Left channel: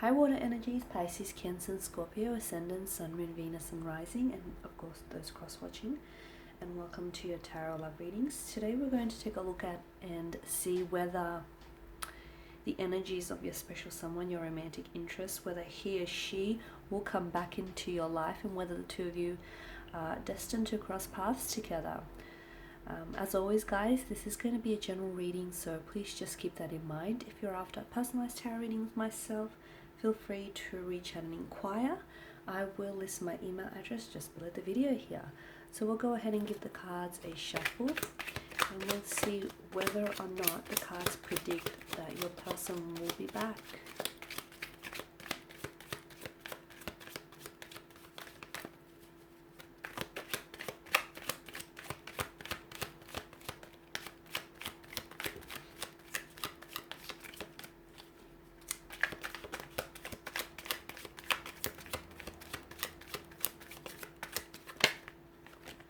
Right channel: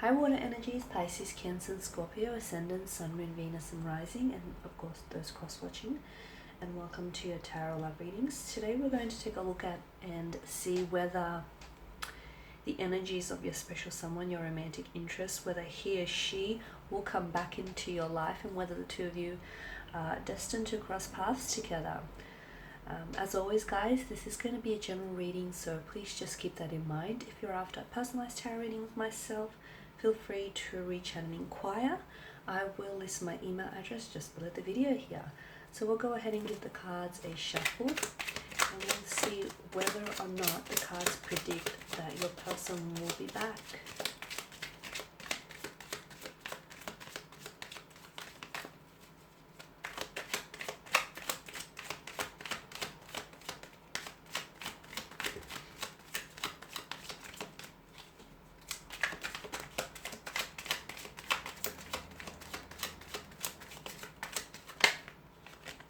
High water energies, Pisces, Cancer, Scorpio, Ascendant, Sun, Moon, Venus, and Rising, and of course those cross-watching. And welcome to your Tarot Love Readings. Today we're going to take a look at and see whether the energies of your special someone, your romantic interest, whether he or she will come back into your life and whether the two of you are destined to cross paths together. As always, guys, this is going to be a general reading, so please just keep that in mind. If you're after personalized tarot readings with myself, feel free to reach out and inquire. I will list my email address just below the video here. So we'll go ahead and give the cards a shuffle, and we'll see whether or not the cards predict that your person will be back.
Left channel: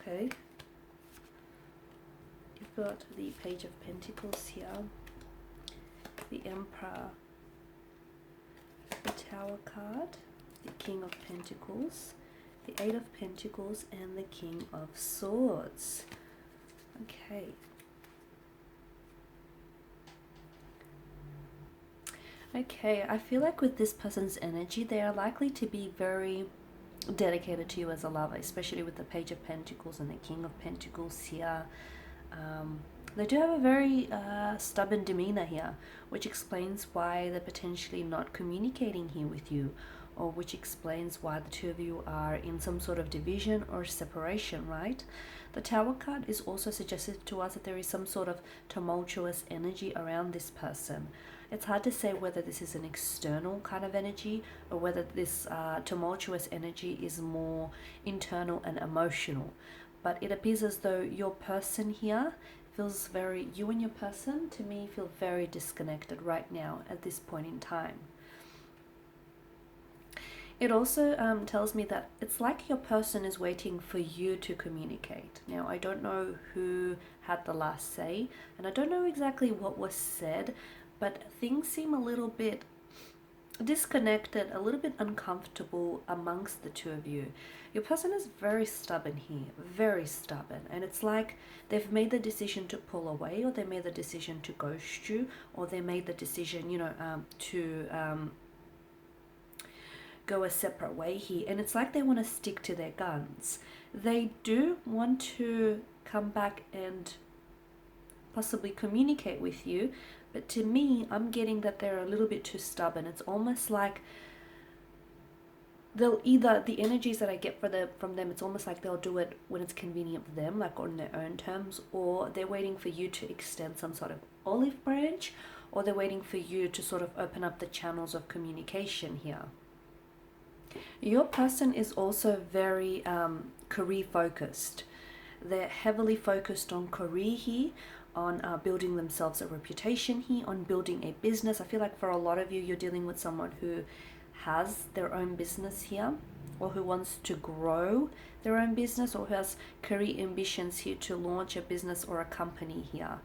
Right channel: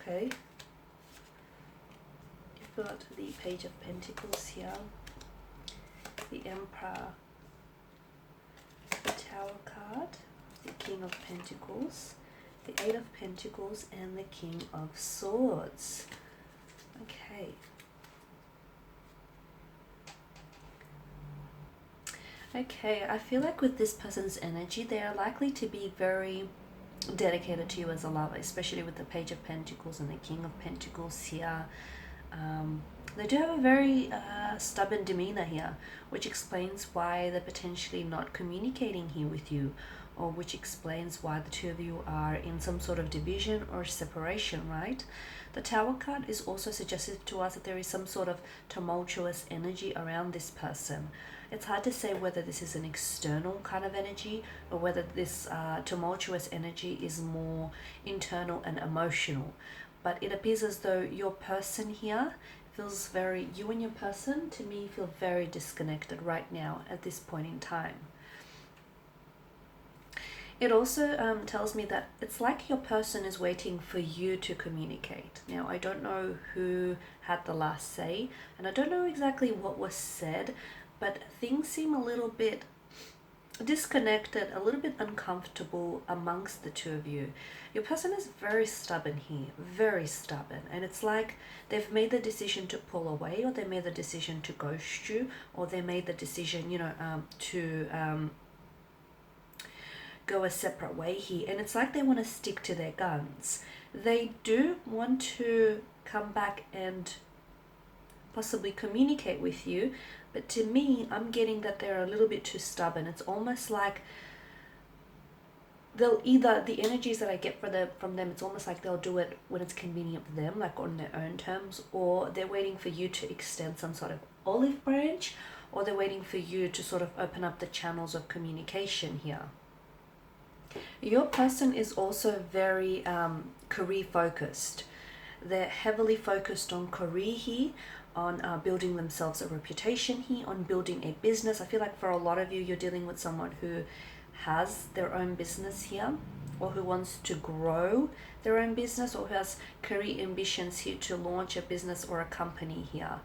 Okay, you've got the Page of Pentacles here, the Emperor, the Tower card, the King of Pentacles, the Eight of Pentacles, and the King of Swords. Okay. Okay, I feel like with this person's energy, they are likely to be very dedicated to you as a lover, especially with the Page of Pentacles and the King of Pentacles here. They do have a very stubborn demeanor here, which explains why they're potentially not communicating here with you, or which explains why the two of you are in some sort of division or separation, right? The Tower card is also suggestive to us that there is some sort of tumultuous energy around this person. It's hard to say whether this is an external kind of energy or whether this tumultuous energy is more internal and emotional. But it appears as though your person here feels very, you and your person, to me, feel very disconnected right now at this point in time. It also tells me that it's like your person is waiting for you to communicate. Now, I don't know who had the last say, and I don't know exactly what was said, but things seem a little bit disconnected, a little bit uncomfortable amongst the two of you. Your person is very stubborn here, very stubborn, and it's like they've made the decision to pull away, or they made the decision to ghost you, or they made the decision, to go a separate way here, and it's like they want to stick to their guns. They do want to come back and possibly communicate with you, but to me, I'm getting that they're a little bit too stubborn. It's almost like they'll either, the energies that I get from them, it's almost like they'll do it when it's convenient for them, like on their own terms, or they're waiting for you to extend some sort of olive branch, or they're waiting for you to sort of open up the channels of communication here. Your person is also very career focused. They're heavily focused on career here, on building themselves a reputation here, on building a business. I feel like for a lot of you, you're dealing with someone who has their own business here, or who wants to grow their own business, or who has career ambitions here to launch a business or a company here.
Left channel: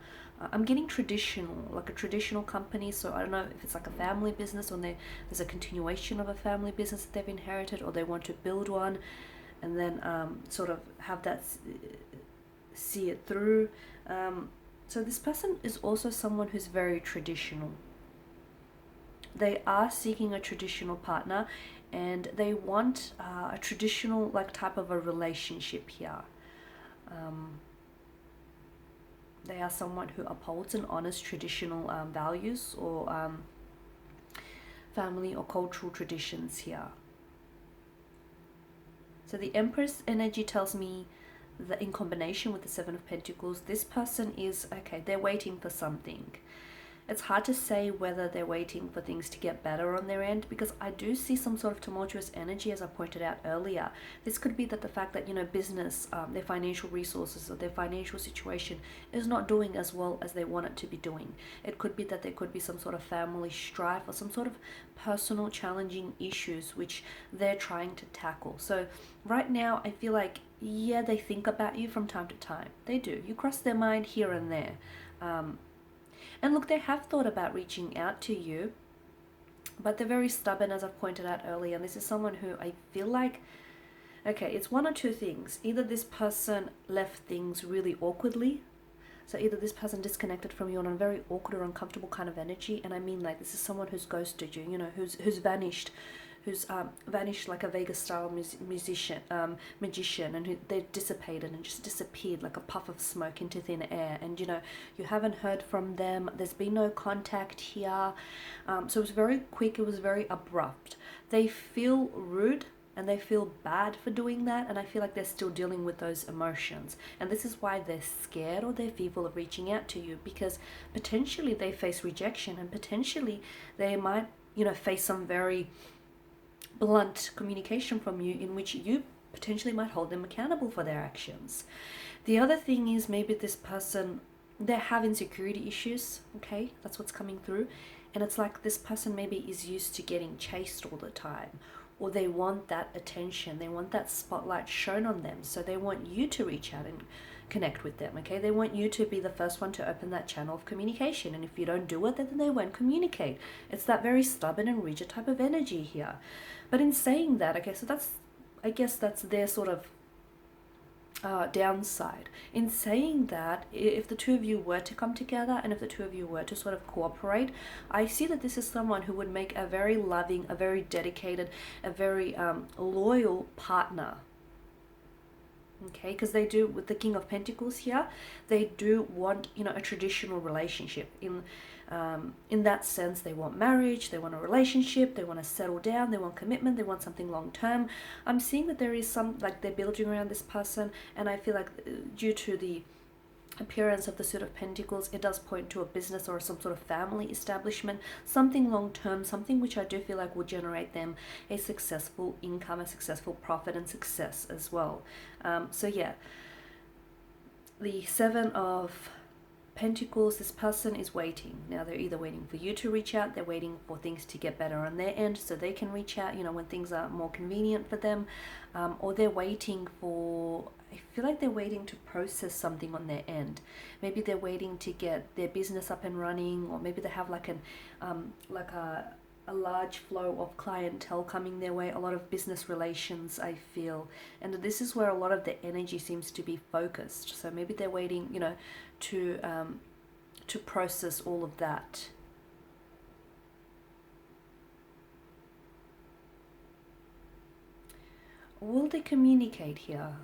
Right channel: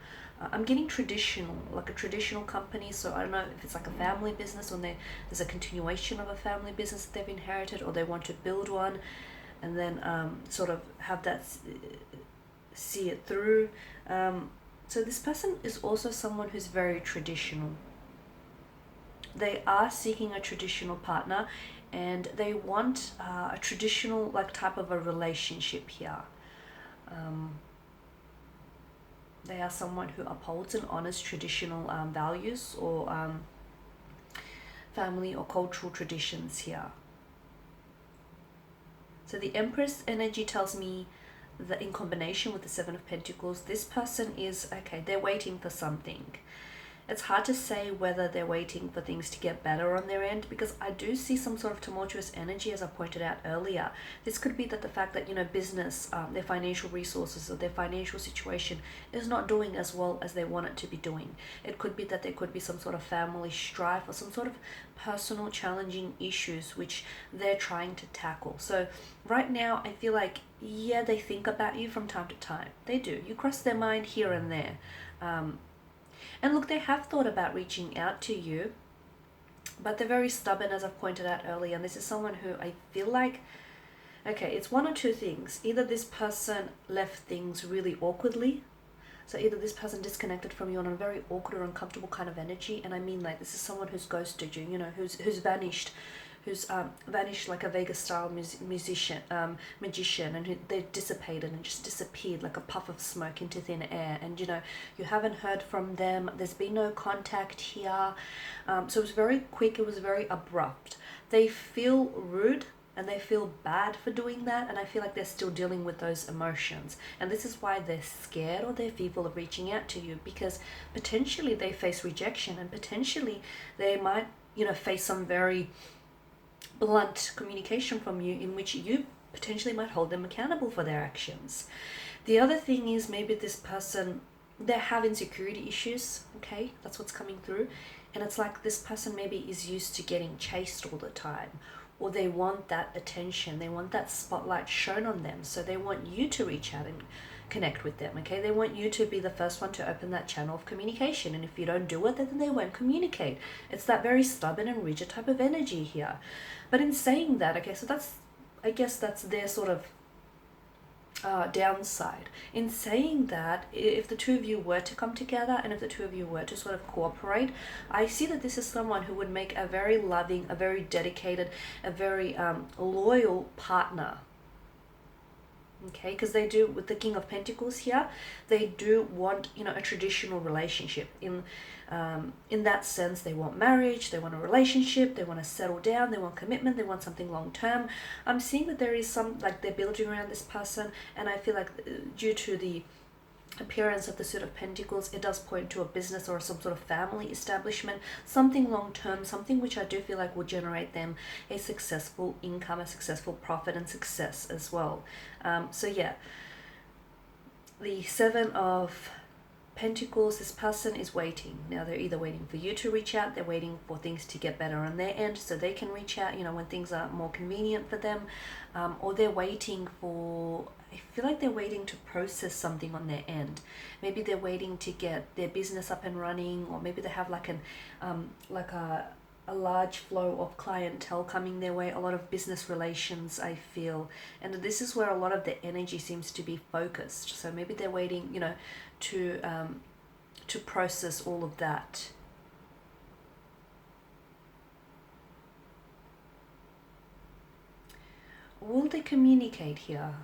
I'm getting traditional, like a traditional company, so I don't know if it's like a family business, or there's a continuation of a family business that they've inherited, or they want to build one and then sort of have that, see it through. So this person is also someone who's very traditional. They are seeking a traditional partner, and they want a traditional type of a relationship here. They are someone who upholds and honors traditional values, or family or cultural traditions here. So the Empress energy tells me that in combination with the Seven of Pentacles, this person is, okay, they're waiting for something. It's hard to say whether they're waiting for things to get better on their end, because I do see some sort of tumultuous energy, as I pointed out earlier. This could be that the fact that, business, their financial resources or their financial situation is not doing as well as they want it to be doing. It could be that there could be some sort of family strife or some sort of personal challenging issues which they're trying to tackle. So right now, I feel like, yeah, they think about you from time to time. They do. You cross their mind here and there. And look, they have thought about reaching out to you, but they're very stubborn, as I've pointed out earlier. And this is someone who I feel like, okay, it's one or two things. Either this person left things really awkwardly. So either this person disconnected from you on a very awkward or uncomfortable kind of energy, and I mean like this is someone who's ghosted you, you know, who's vanished, who's vanished like a Vegas style magician, and they dissipated and just disappeared like a puff of smoke into thin air, and you know you haven't heard from them. There's been no contact here, so it was very quick. It was very abrupt. They feel rude and they feel bad for doing that, and I feel like they're still dealing with those emotions, and this is why they're scared or they're fearful of reaching out to you, because potentially they face rejection, and potentially they might, you know, face some very blunt communication from you in which you potentially might hold them accountable for their actions. The other thing is maybe this person, they have insecurity issues. Okay, that's what's coming through, and it's like this person maybe is used to getting chased all the time, or they want that attention, they want that spotlight shown on them, so they want you to reach out and connect with them. Okay, they want you to be the first one to open that channel of communication, and if you don't do it, then they won't communicate. It's that very stubborn and rigid type of energy here. But in saying that, okay, so that's, I guess that's their sort of downside. In saying that, if the two of you were to come together and if the two of you were to sort of cooperate, I see that this is someone who would make a very loving, a very dedicated, a very loyal partner. Okay, because they do, with the King of Pentacles here, they do want, you know, a traditional relationship. In that sense, they want marriage, they want a relationship, they want to settle down, they want commitment, they want something long term. I'm seeing that there is some, like, they're building around this person, and I feel like due to the appearance of the Suit of Pentacles, it does point to a business or some sort of family establishment, something long term, something which I do feel like will generate them a successful income, a successful profit, and success as well. So yeah, the Seven of Pentacles, this person is waiting. Now they're either waiting for you to reach out, they're waiting for things to get better on their end so they can reach out, you know, when things are more convenient for them, or they're waiting for, I feel like they're waiting to process something on their end. Maybe they're waiting to get their business up and running, or maybe they have like a large flow of clientele coming their way, a lot of business relations, I feel. And this is where a lot of the energy seems to be focused. So maybe they're waiting, you know, to process all of that. Will they communicate here?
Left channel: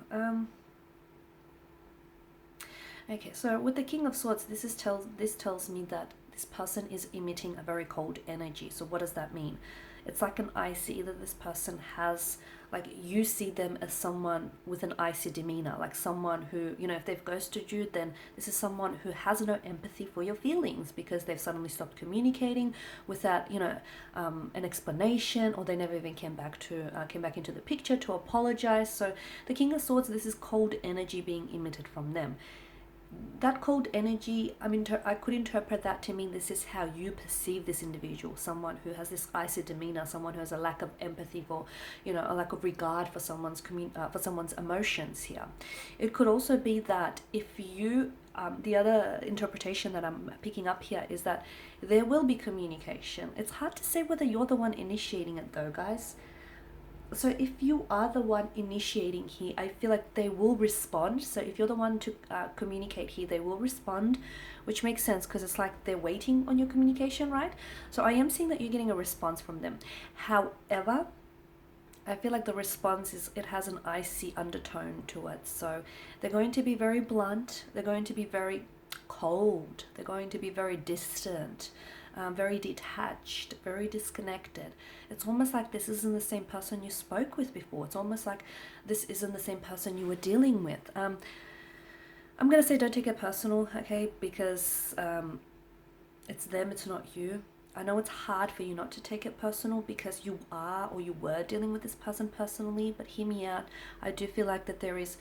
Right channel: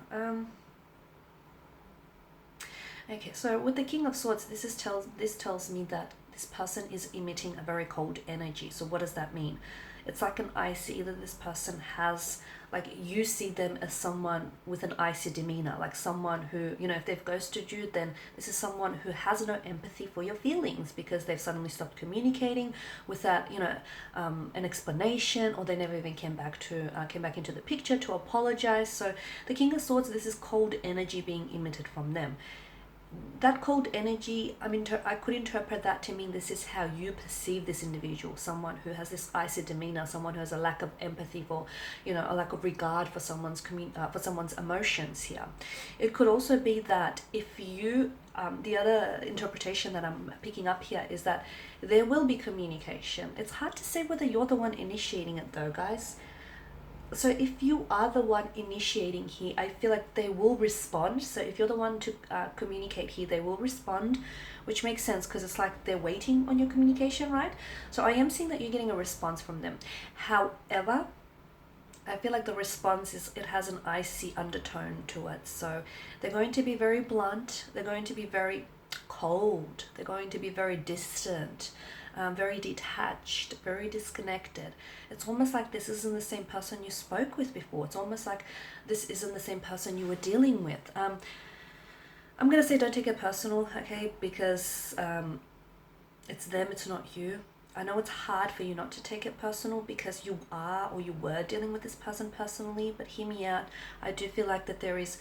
Okay, so with the King of Swords, this tells me that this person is emitting a very cold energy. So what does that mean? It's like an icy, either this person has, like, you see them as someone with an icy demeanor, like someone who, you know, if they've ghosted you, then this is someone who has no empathy for your feelings because they've suddenly stopped communicating without, you know, an explanation, or they never even came back into the picture to apologize. So the King of Swords, this is cold energy being emitted from them. That cold energy, I could interpret that to mean this is how you perceive this individual, someone who has this icy demeanor, someone who has a lack of empathy for, you know, a lack of regard for someone's emotions here. It could also be that if you, the other interpretation that I'm picking up here is that there will be communication. It's hard to say whether you're the one initiating it though, guys. So if you are the one initiating here, I feel like they will respond. So if you're the one to communicate here, they will respond, which makes sense because it's like they're waiting on your communication, right? So I am seeing that you're getting a response from them. However, I feel like the response it has an icy undertone to it. So they're going to be very blunt. They're going to be very cold. They're going to be very distant. Very detached, very disconnected. It's almost like this isn't the same person you spoke with before. It's almost like this isn't the same person you were dealing with. I'm going to say don't take it personal, okay? Because it's them, it's not you. I know it's hard for you not to take it personal because you are or you were dealing with this person personally, but hear me out. I do feel like that there is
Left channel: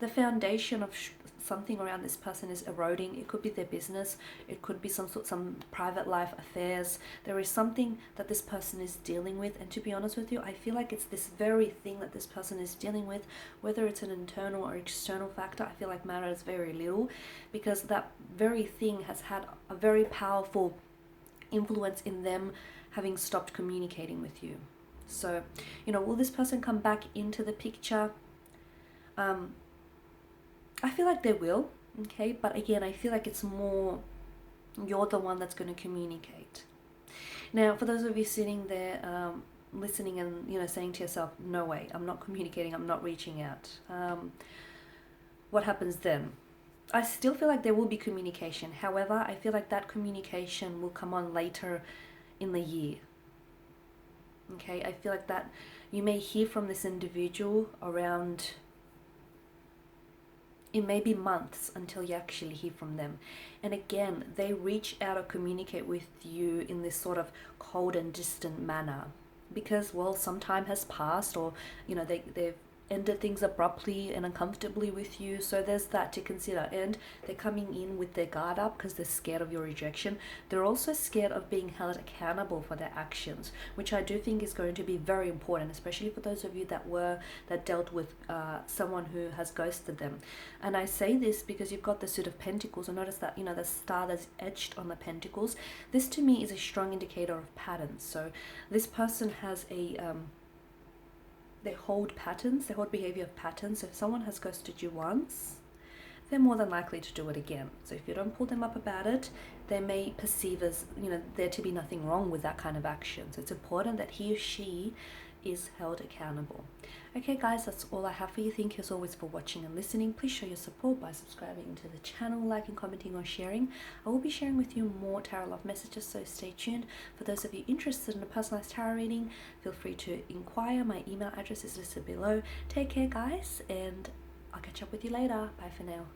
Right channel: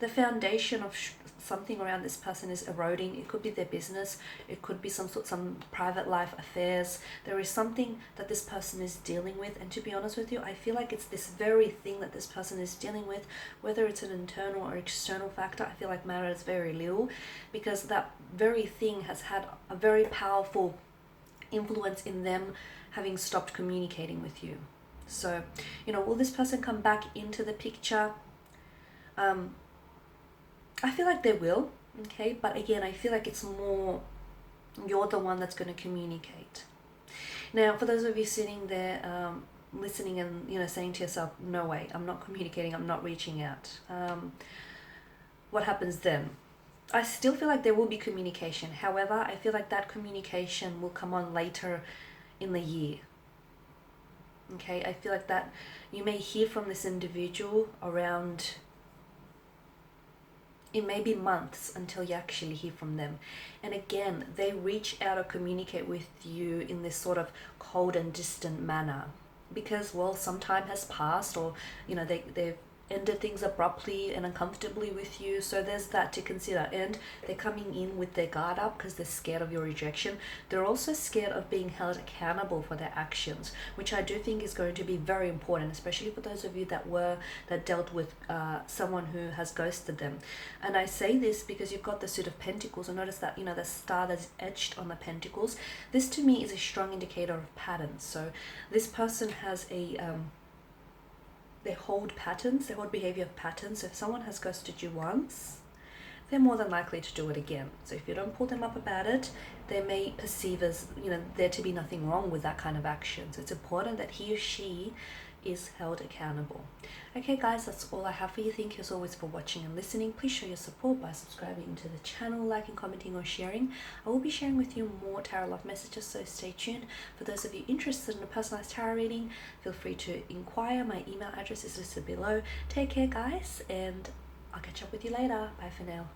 the foundation of something around this person is eroding. It could be their business, it could be some private life affairs. There is something that this person is dealing with, and to be honest with you, I feel like it's this very thing that this person is dealing with, whether it's an internal or external factor. I feel like matters very little, because that very thing has had a very powerful influence in them having stopped communicating with you. So, will this person come back into the picture? I feel like they will, okay? But again, I feel like it's more you're the one that's going to communicate. Now, for those of you sitting there listening and, saying to yourself, no way, I'm not communicating, I'm not reaching out. What happens then? I still feel like there will be communication. However, I feel like that communication will come on later in the year. Okay, I feel like that you may hear from this individual around, it may be months until you actually hear from them. And again, they reach out or communicate with you in this sort of cold and distant manner because, well, some time has passed, or they've ended things abruptly and uncomfortably with you. So there's that to consider. And they're coming in with their guard up because they're scared of your rejection. They're also scared of being held accountable for their actions, which I do think is going to be very important, especially for those of you that dealt with someone who has ghosted them. And I say this because you've got the Suit of Pentacles, and notice that the star that's etched on the Pentacles. This to me is a strong indicator of patterns. So this person has they hold patterns, they hold behavior of patterns. So if someone has ghosted you once, they're more than likely to do it again. So if you don't pull them up about it, they may perceive as, there to be nothing wrong with that kind of action. So it's important that he or she is held accountable. Okay guys, that's all I have for you. Thank you as always for watching and listening. Please show your support by subscribing to the channel, liking, commenting or sharing. I will be sharing with you more tarot love messages, so stay tuned. For those of you interested in a personalized tarot reading, feel free to inquire. My email address is listed below. Take care guys, and I'll catch up with you later. Bye for now.